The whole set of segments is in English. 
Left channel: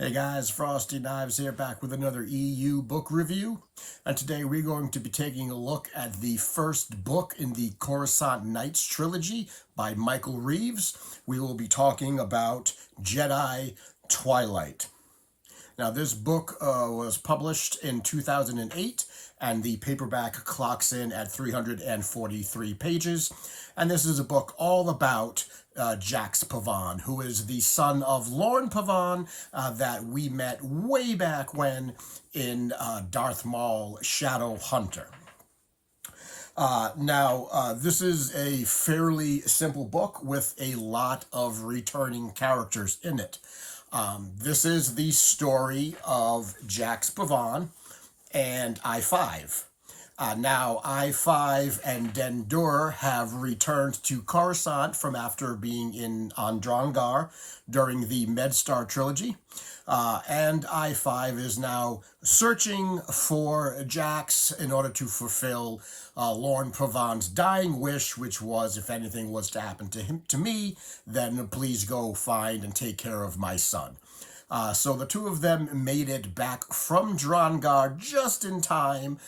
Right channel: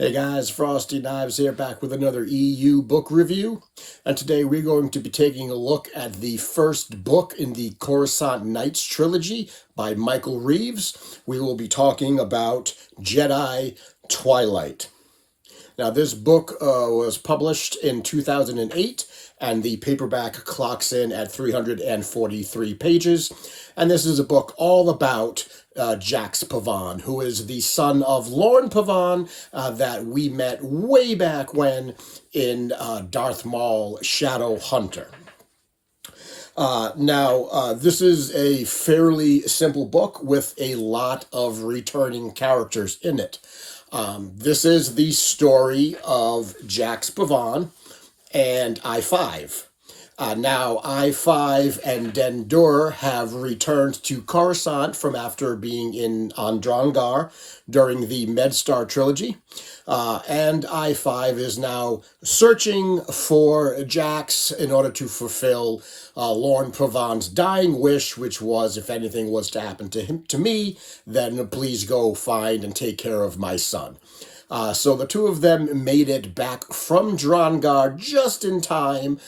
Hey guys, Frosty Knives here, back with another EU book review. And today we're going to be taking a look at the first book in the Coruscant Knights trilogy by Michael Reaves. We will be talking about Jedi Twilight. Now, this book was published in 2008, and the paperback clocks in at 343 pages. And this is a book all about Jax Pavan, who is the son of Lorne Pavan that we met way back when in Darth Maul Shadow Hunter. This is a fairly simple book with a lot of returning characters in it. This is the story of Jax Pavan and I-5. Now, I-5 and Dendur have returned to Coruscant from after being on Drongar during the Medstar trilogy. And I-5 is now searching for Jax in order to fulfill Lorne Pavan's dying wish, which was, if anything was to happen to me, then please go find and take care of my son. So the two of them made it back from Drongar just in time.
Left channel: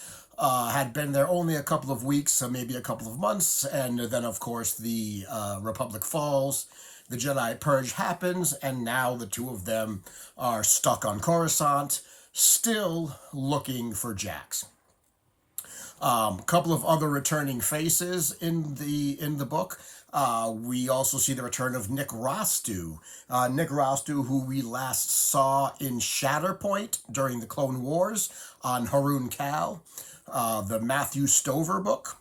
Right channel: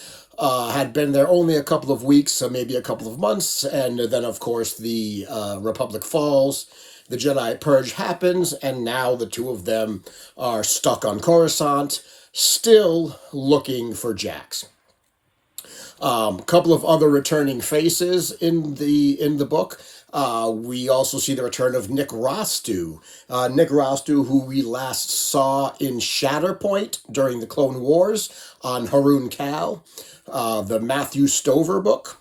Had been there only a couple of weeks, so maybe a couple of months, and then, of course, the Republic falls, the Jedi Purge happens, and now the two of them are stuck on Coruscant, still looking for Jax. Couple of other returning faces in the book. We also see the return of Nick Rostu. Nick Rostu, who we last saw in Shatterpoint during the Clone Wars on Harun Kal, the Matthew Stover book.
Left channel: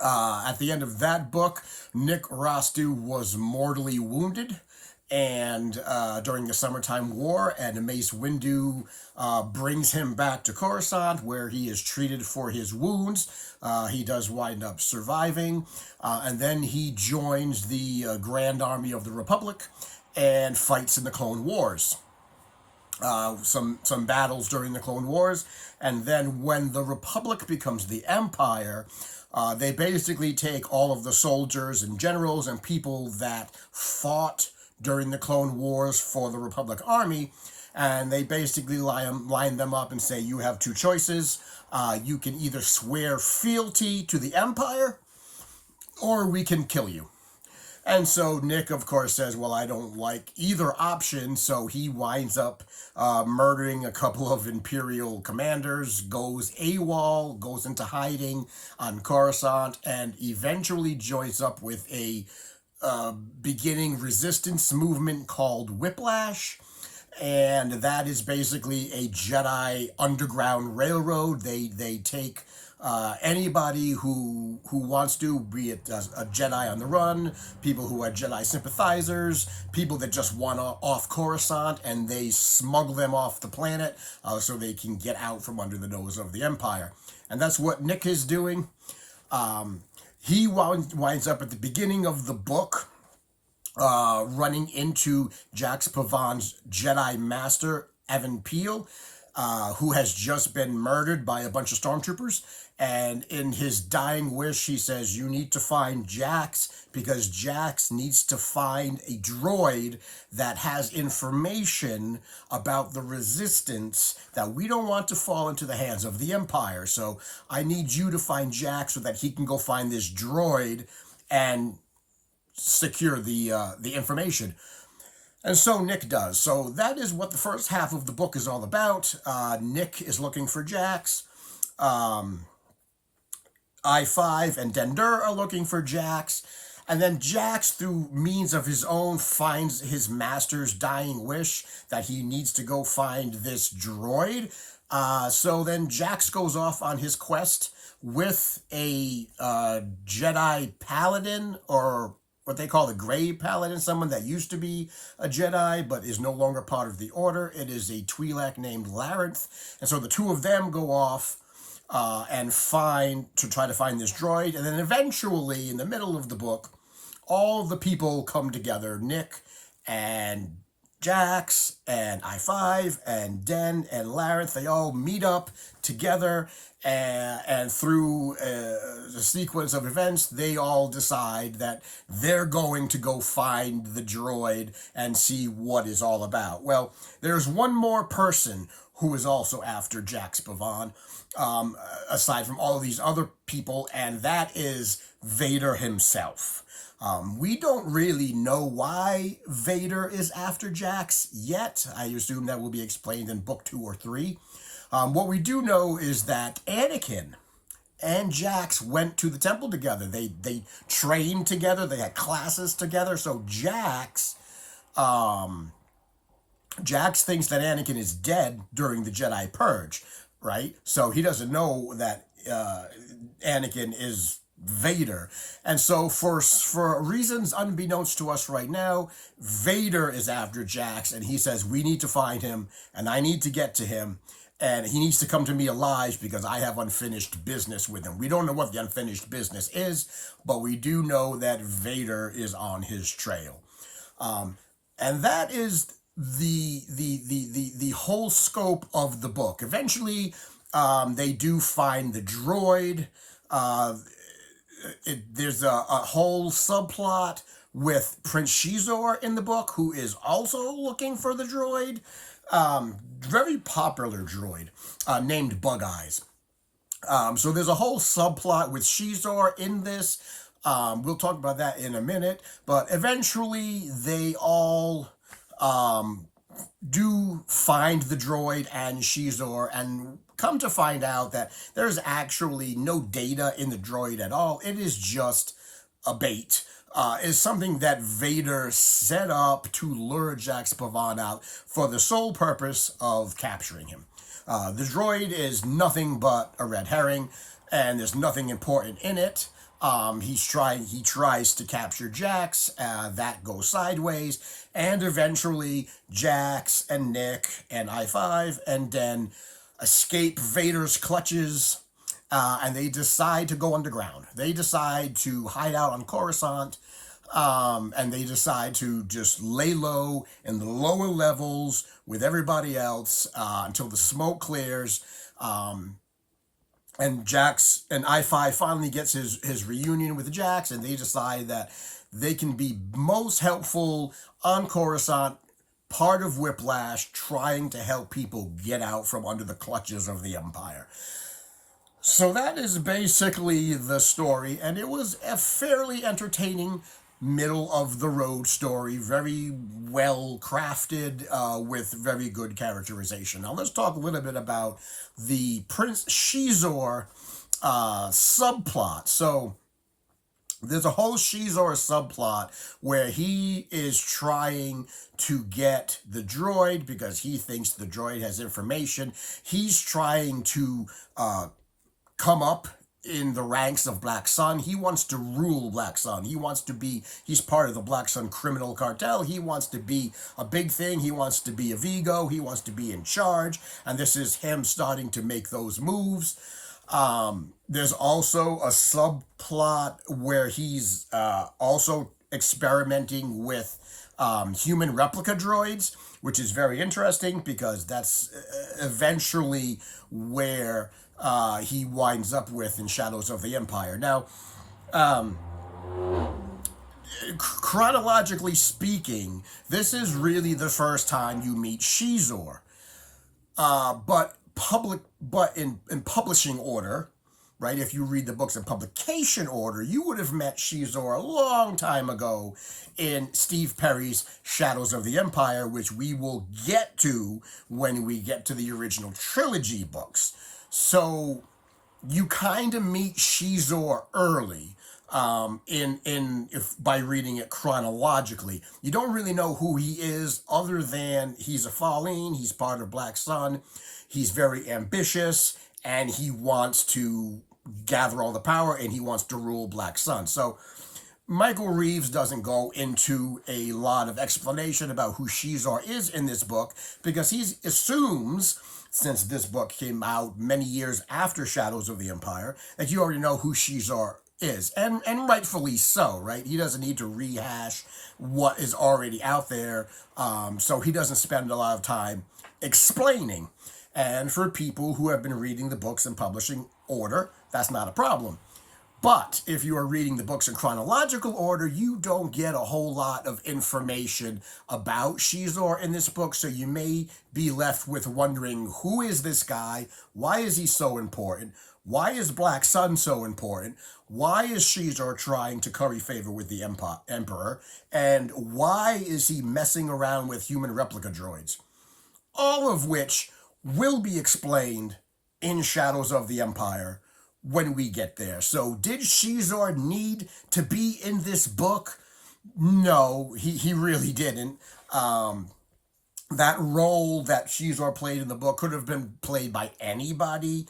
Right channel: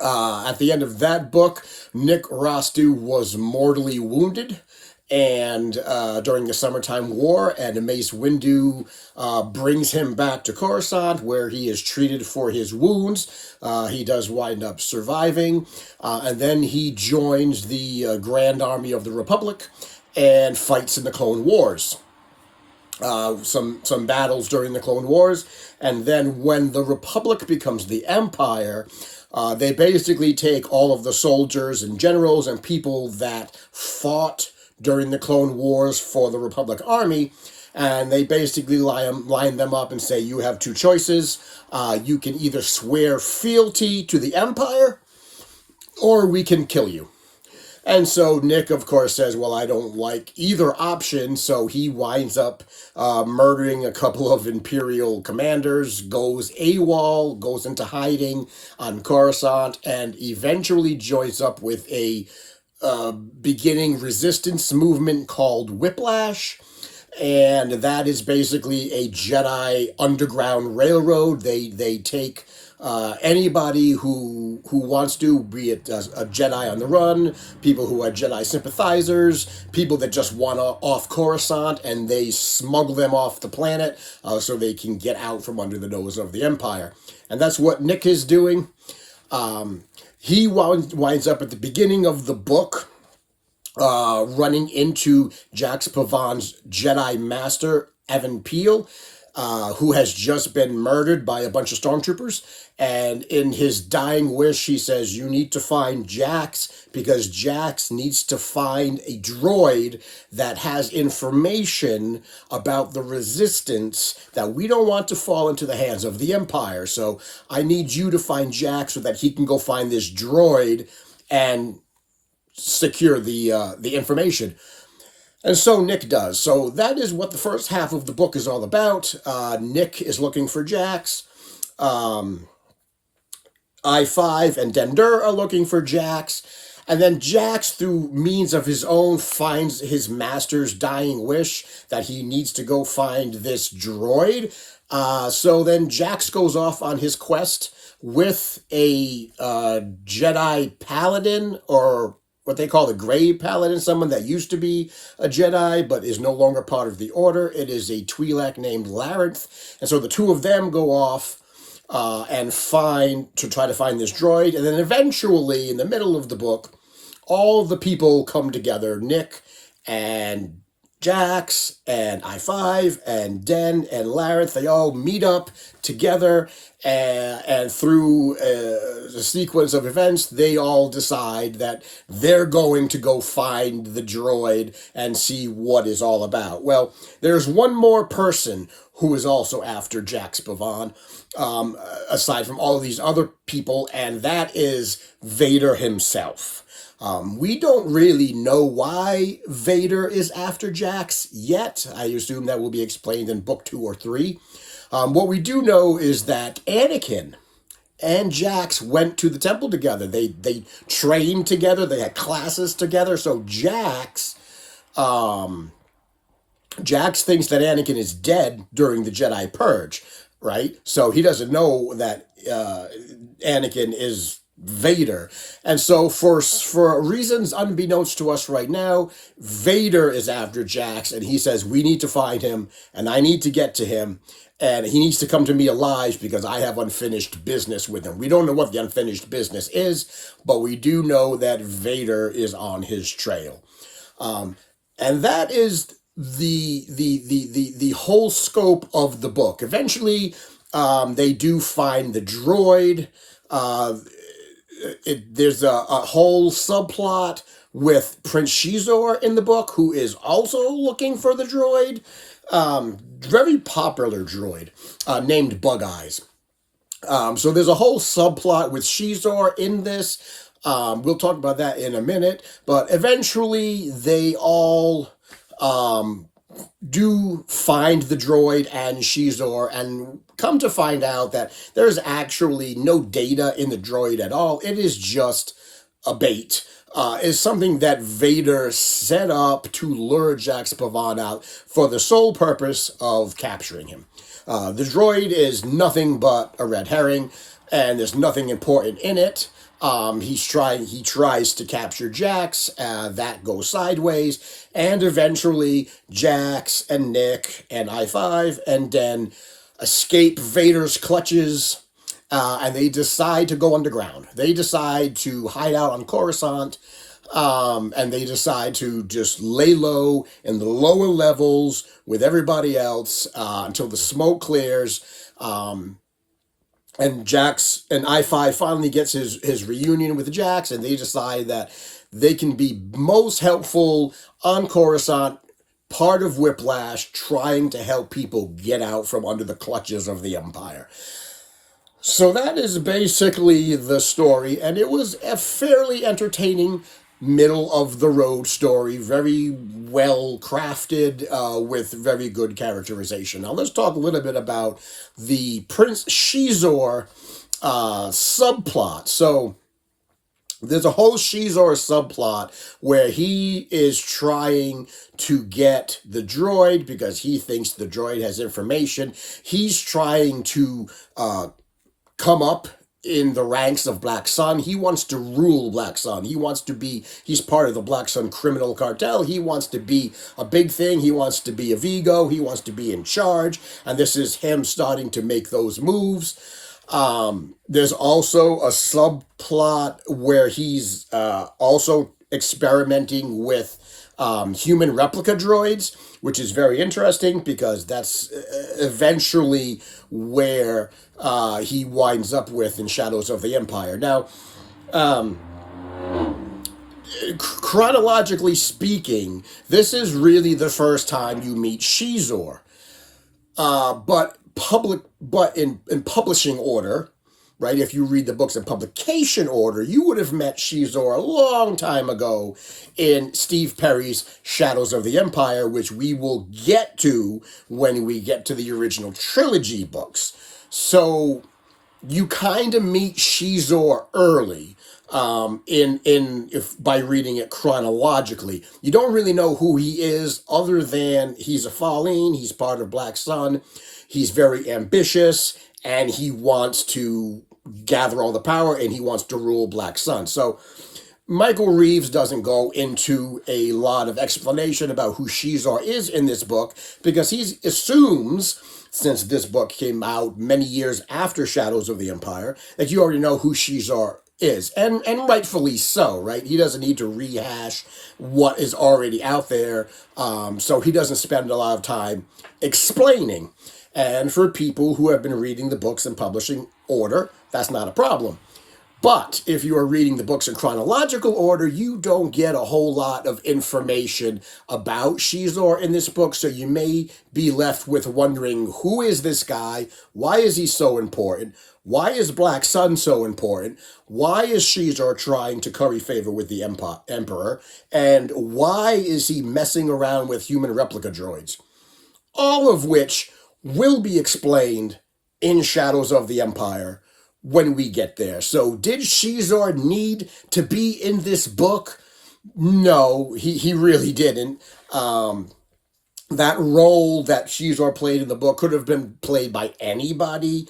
At the end of that book, Nick Rostu was mortally wounded and during the Summertime War, and Mace Windu brings him back to Coruscant, where he is treated for his wounds. He does wind up surviving, and then he joins the Grand Army of the Republic and fights in the Clone Wars. Some battles during the Clone Wars, and then when the Republic becomes the Empire, they basically take all of the soldiers and generals and people that fought during the Clone Wars for the Republic Army, and they basically line them up and say, you have two choices. You can either swear fealty to the Empire, or we can kill you. And so Nick, of course, says, well, I don't like either option, so he winds up murdering a couple of Imperial commanders, goes AWOL, goes into hiding on Coruscant, and eventually joins up with a beginning resistance movement called Whiplash. And that is basically a Jedi underground railroad. They take anybody who wants to, be it a Jedi on the run, people who are Jedi sympathizers, people that just want off Coruscant, and they smuggle them off the planet so they can get out from under the nose of the Empire. And that's what Nick is doing. He winds up at the beginning of the book running into Jax Pavan's Jedi Master, Evan Peel, who has just been murdered by a bunch of stormtroopers. And in his dying wish, he says, you need to find Jax, because Jax needs to find a droid that has information about the Resistance that we don't want to fall into the hands of the Empire. So I need you to find Jax so that he can go find this droid and secure the information. And so Nick does. So that is what the first half of the book is all about. Nick is looking for Jax. I-5 and Dendur are looking for Jax. And then Jax, through means of his own, finds his master's dying wish that he needs to go find this droid. So then Jax goes off on his quest with a Jedi Paladin, or what they call the Gray Paladin, someone that used to be a Jedi but is no longer part of the Order. It is a Twi'lek named Larenth. And so the two of them go off and try to find this droid. And then eventually, in the middle of the book, all the people come together. Nick and Jax and I-5 and Den and Lareth, they all meet up together, and through a sequence of events, they all decide that they're going to go find the droid and see what it's all about. Well, there's one more person who is also after Jax Pavan, aside from all of these other people, and that is Vader himself. We don't really know why Vader is after Jax yet. I assume that will be explained in book 2 or 3. What we do know is that Anakin and Jax went to the temple together. They trained together. They had classes together. So Jax thinks that Anakin is dead during the Jedi Purge, right? So he doesn't know that Anakin is Vader. And so for reasons unbeknownst to us right now, Vader is after Jax, and he says, we need to find him, and I need to get to him, and he needs to come to me alive because I have unfinished business with him. We don't know what the unfinished business is, but we do know that Vader is on his trail. And that is the whole scope of the book. Eventually, they do find the droid. There's a whole subplot with Prince Xizor in the book, who is also looking for the droid. Very popular droid named Bug Eyes. So there's a whole subplot with Xizor in this. We'll talk about that in a minute. But eventually they all do find the droid and Xizor, and come to find out that there's actually no data in the droid at all. It is just a bait. Is something that Vader set up to lure Jax Pavan out for the sole purpose of capturing him. The droid is nothing but a red herring, and there's nothing important in it. He tries to capture Jax, that goes sideways, and eventually Jax and Nick and I-5 and Den escape Vader's clutches, and they decide to go underground. They decide to hide out on Coruscant, and they decide to just lay low in the lower levels with everybody else until the smoke clears. And Jax and I-5 finally gets his reunion with Jax, and they decide that they can be most helpful on Coruscant, part of Whiplash, trying to help people get out from under the clutches of the Empire. So that is basically the story, and it was a fairly entertaining middle-of-the-road story, very well crafted, with very good characterization. Now let's talk a little bit about the Prince Xizor subplot. So there's a whole Xizor subplot where he is trying to get the droid because he thinks the droid has information. He's trying to come up in the ranks of Black Sun. He wants to rule Black Sun. He's part of the Black Sun criminal cartel. He wants to be a big thing. He wants to be a Vigo. He wants to be in charge. And this is him starting to make those moves. There's also a subplot where he's also experimenting with human replica droids, which is very interesting because that's eventually where he winds up with in Shadows of the Empire. Now, chronologically speaking, this is really the first time you meet Xizor. But in publishing order, right? If you read the books in publication order, you would have met Xizor a long time ago in Steve Perry's Shadows of the Empire, which we will get to when we get to the original trilogy books. So you kind of meet Xizor early, by reading it chronologically. You don't really know who he is other than he's a Fallen, he's part of Black Sun, he's very ambitious, and he wants to gather all the power, and he wants to rule Black Sun. So Michael Reaves doesn't go into a lot of explanation about who Xizor is in this book because he assumes, since this book came out many years after Shadows of the Empire, that you already know who Xizor is, and rightfully so, right? He doesn't need to rehash what is already out there, so he doesn't spend a lot of time explaining. And for people who have been reading the books in publishing order, that's not a problem. But if you are reading the books in chronological order, you don't get a whole lot of information about Xizor in this book, so you may be left with wondering, who is this guy? Why is he so important? Why is Black Sun so important? Why is Xizor trying to curry favor with the Emperor? And why is he messing around with human replica droids? All of which will be explained in Shadows of the Empire when we get there. So did Xizor need to be in this book? No, he really didn't. That role that Xizor played in the book could have been played by anybody.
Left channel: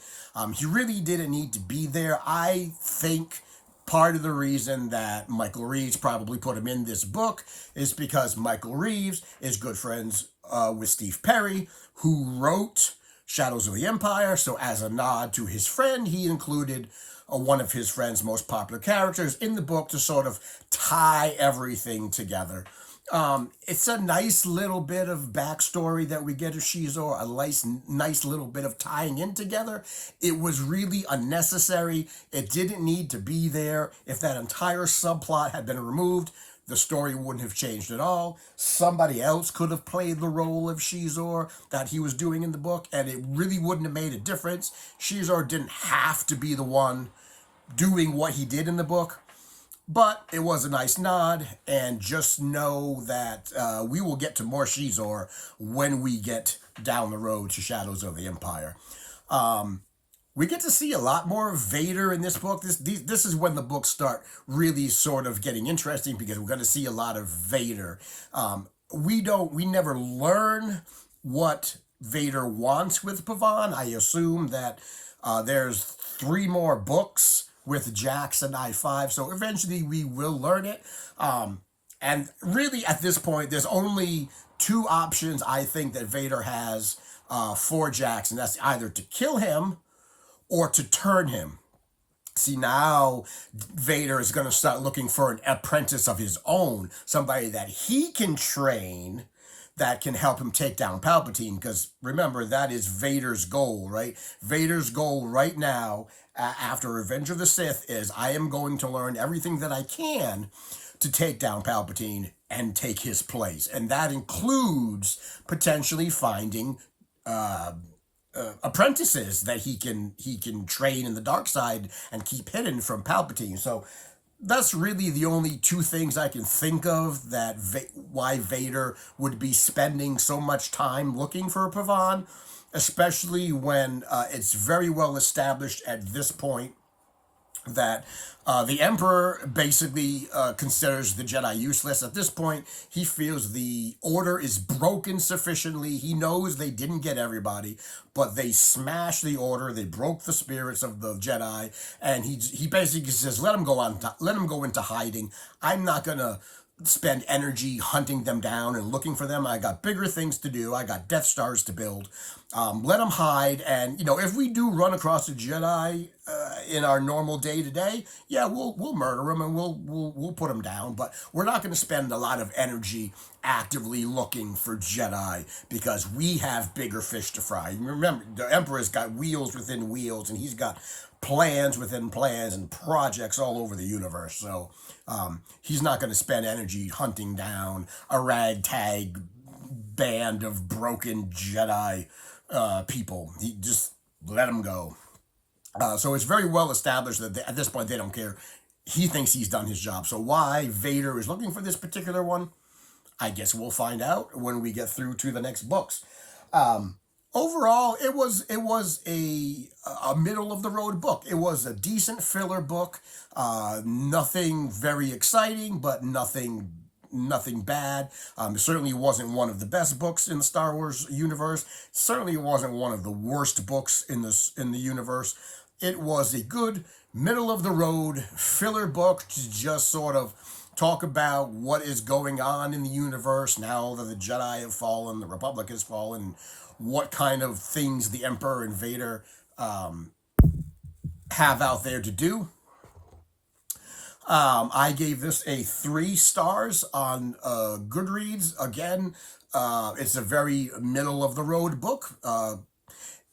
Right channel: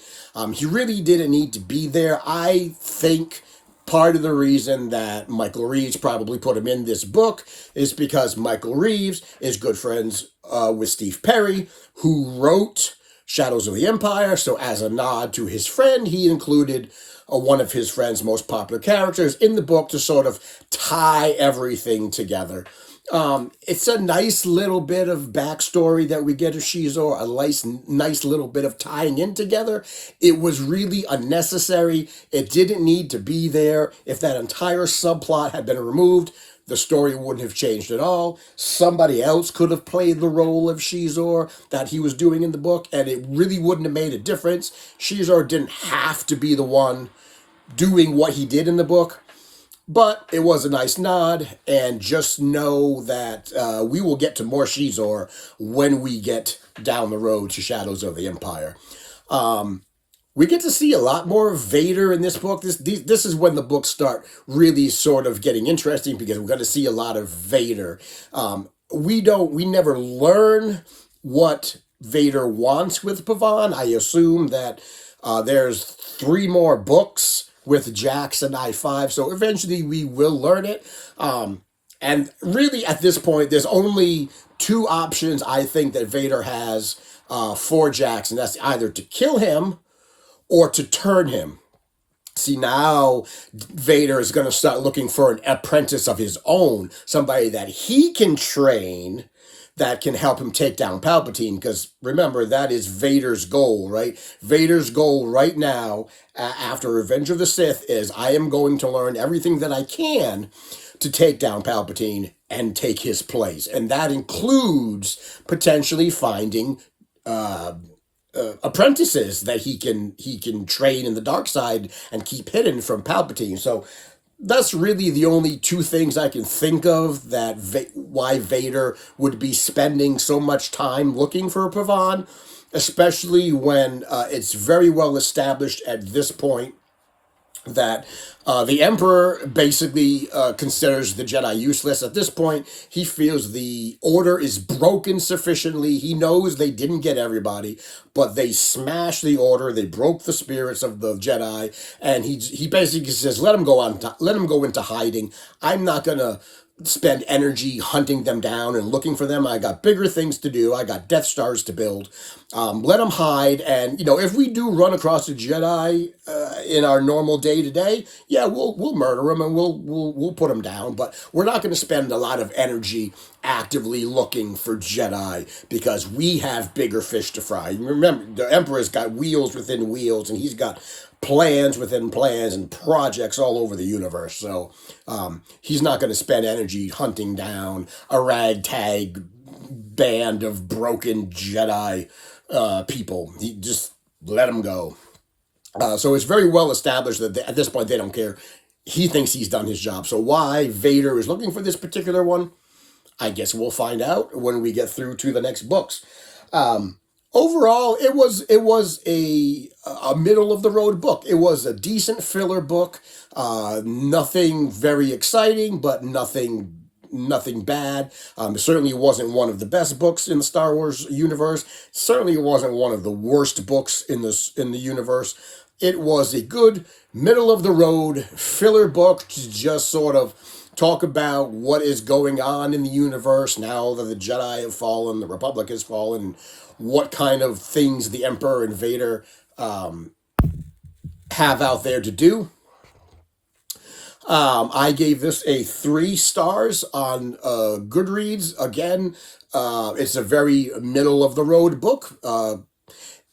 He really didn't need to be there. I think part of the reason that Michael Reaves probably put him in this book is because Michael Reaves is good friends with Steve Perry, who wrote Shadows of the Empire. So as a nod to his friend, he included one of his friend's most popular characters in the book to sort of tie everything together. It's a nice little bit of backstory that we get of Xizor, a nice little bit of tying in together. It was really unnecessary. It didn't need to be there. If that entire subplot had been removed, the story wouldn't have changed at all. Somebody else could have played the role of Xizor that he was doing in the book, and it really wouldn't have made a difference. Xizor didn't have to be the one doing what he did in the book. But it was a nice nod, and just know that we will get to more Xizor when we get down the road to Shadows of the Empire. We get to see a lot more of Vader in this book. This is when the books start really sort of getting interesting, because we're going to see a lot of Vader. We never learn what Vader wants with Pavan. I assume that there's 3 more books with Jax and I-5, so eventually we will learn it. And really, at this point, there's only 2 options I think that Vader has for Jax, and that's either to kill him or to turn him. See, now Vader is going to start looking for an apprentice of his own, somebody that he can train that can help him take down Palpatine, because remember, that is Vader's goal, right? Vader's goal right now, after Revenge of the Sith, is I am going to learn everything that I can to take down Palpatine and take his place. And that includes potentially finding apprentices that he can train in the dark side and keep hidden from Palpatine. So that's really the only 2 things I can think of that why Vader would be spending so much time looking for Pavan, especially when it's very well established at this point that the Emperor basically considers the Jedi useless. At this point, he feels the Order is broken sufficiently. He knows they didn't get everybody, but they smashed the Order. They broke the spirits of the Jedi, and he basically says, let them go into hiding. I'm not gonna spend energy hunting them down and looking for them. I got bigger things to do. I got Death Stars to build. Let them hide. And, if we do run across a Jedi in our normal day-to-day, yeah, we'll murder them and we'll put them down. But we're not going to spend a lot of energy actively looking for Jedi, because we have bigger fish to fry. Remember, the Emperor's got wheels within wheels, and he's got plans within plans and projects all over the universe. So he's not going to spend energy hunting down a ragtag band of broken Jedi people. He just let them go. So it's very well established that at this point they don't care. He thinks he's done his job. So why Vader is looking for this particular one, I guess we'll find out when we get through to the next books. Overall, it was a middle of the road book. It was a decent filler book. Nothing very exciting, but nothing bad. It certainly wasn't one of the best books in the Star Wars universe. Certainly wasn't one of the worst books in the universe. It was a good middle of the road filler book to just sort of talk about what is going on in the universe now that the Jedi have fallen, the Republic has fallen, what kind of things the Emperor and Vader have out there to do. I gave this a 3 stars on Goodreads. Again, it's a very middle of the road book.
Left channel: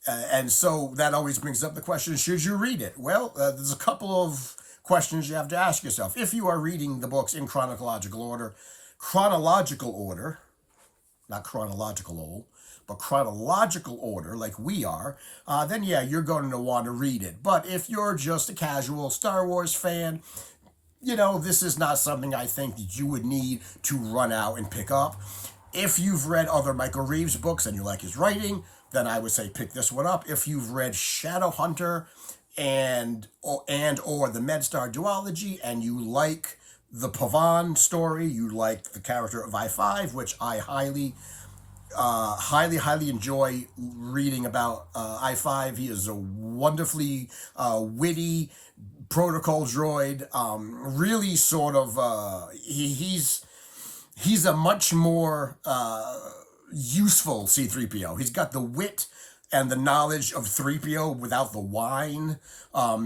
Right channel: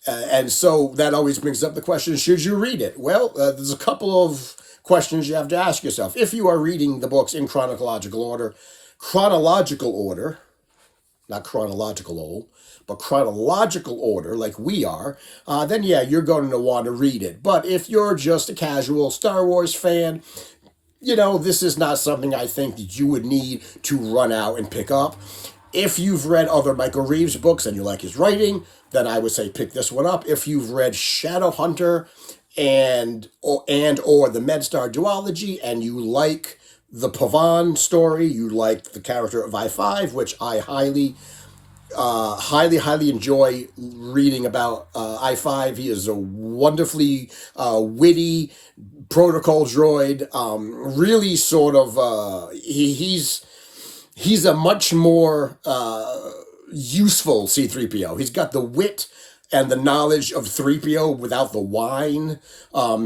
And so that always brings up the question, should you read it? Well, there's a couple of questions you have to ask yourself. If you are reading the books in chronological order, not chronological, but chronological order, like we are, then yeah, you're going to want to read it. But if you're just a casual Star Wars fan, you know, this is not something I think that you would need to run out and pick up. If you've read other Michael Reaves books and you like his writing, then I would say pick this one up. If you've read Shadowhunter and or the MedStar duology and you like the Pavan story, you like the character of I-5, which I highly enjoy reading about I-5. He is a wonderfully witty protocol droid. Really sort of, he's a much more useful C-3PO. He's got the wit and the knowledge of 3PO without the whine.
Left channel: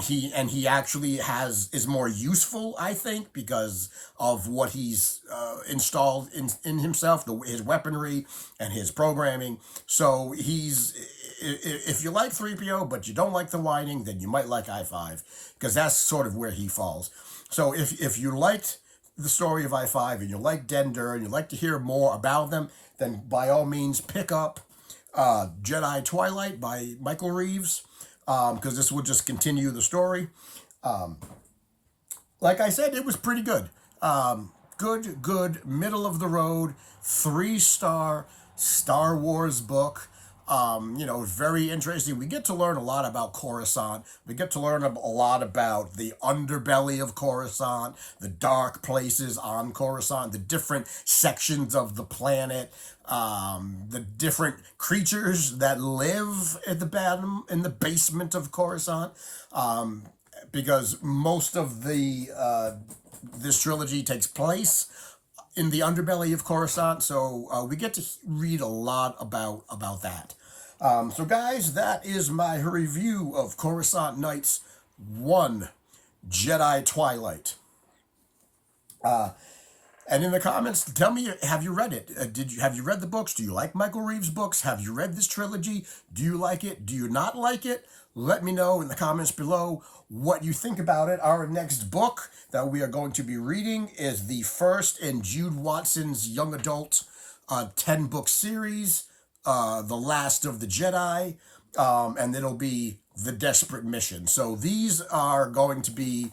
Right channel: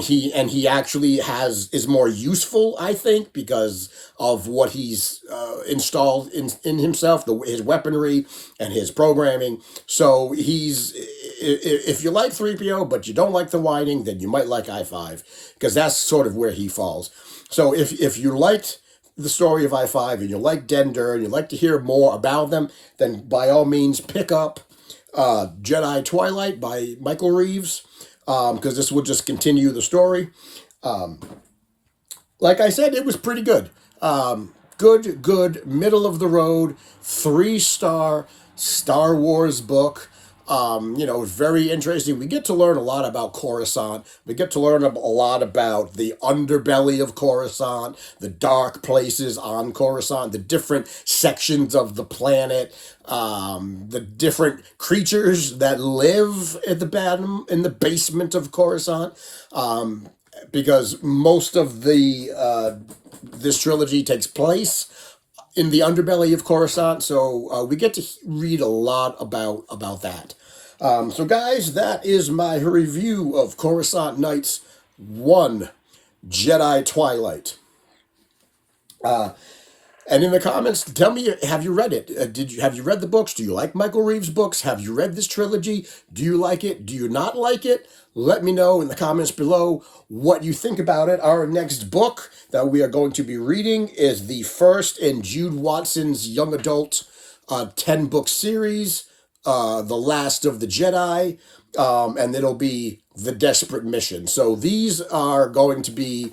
He actually is more useful, I think, because of what he's installed in himself, his weaponry and his programming. So if you like 3PO but you don't like the whining, then you might like I-5, because that's sort of where he falls. So if you liked the story of I-5 and you like Dender and you like to hear more about them, then by all means pick up Jedi Twilight by Michael Reaves, because this will just continue the story. Like I said, it was pretty good. Good, middle of the road, 3-star Star Wars book. Very interesting. We get to learn a lot about Coruscant. We get to learn a lot about the underbelly of Coruscant, the dark places on Coruscant, the different sections of the planet, the different creatures that live at the bottom, in the basement of Coruscant. Because most of this trilogy takes place in the underbelly of Coruscant, so we get to read a lot about that. So guys, that is my review of Coruscant Nights 1, Jedi Twilight. And in the comments, tell me, have you read it? Have you read the books? Do you like Michael Reaves' books? Have you read this trilogy? Do you like it? Do you not like it? Let me know in the comments below what you think about it. Our next book that we are going to be reading is the first in Jude Watson's young adult 10-book series, The Last of the Jedi, and it'll be The Desperate Mission. So these are going to be,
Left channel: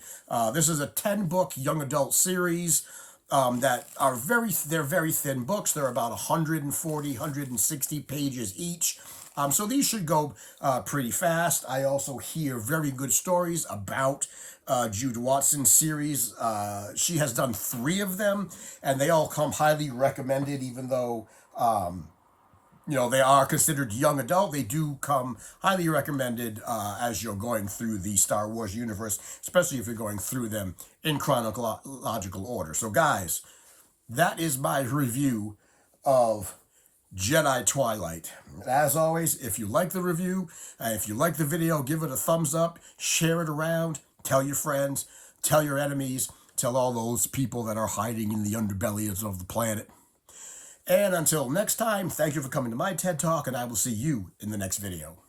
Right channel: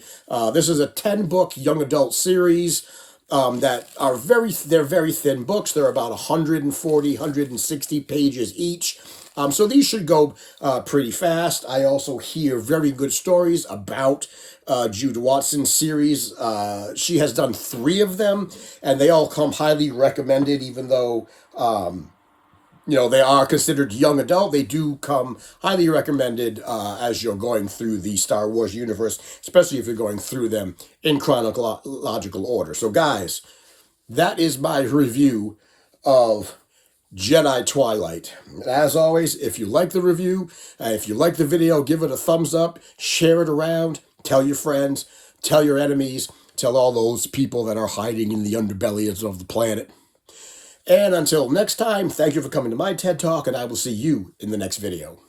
this is a 10-book young adult series that are they're very thin books. They're about 140, 160 pages each. So these should go pretty fast. I also hear very good stories about Jude Watson's series. She has done 3 of them, and they all come highly recommended, even though, they are considered young adult. They do come highly recommended as you're going through the Star Wars universe, especially if you're going through them in chronological order. So guys, that is my review of Jedi Twilight. As always, if you like the review, if you like the video, give it a thumbs up, share it around, tell your friends, tell your enemies, tell all those people that are hiding in the underbellies of the planet. And until next time, thank you for coming to my TED Talk, and I will see you in the next video.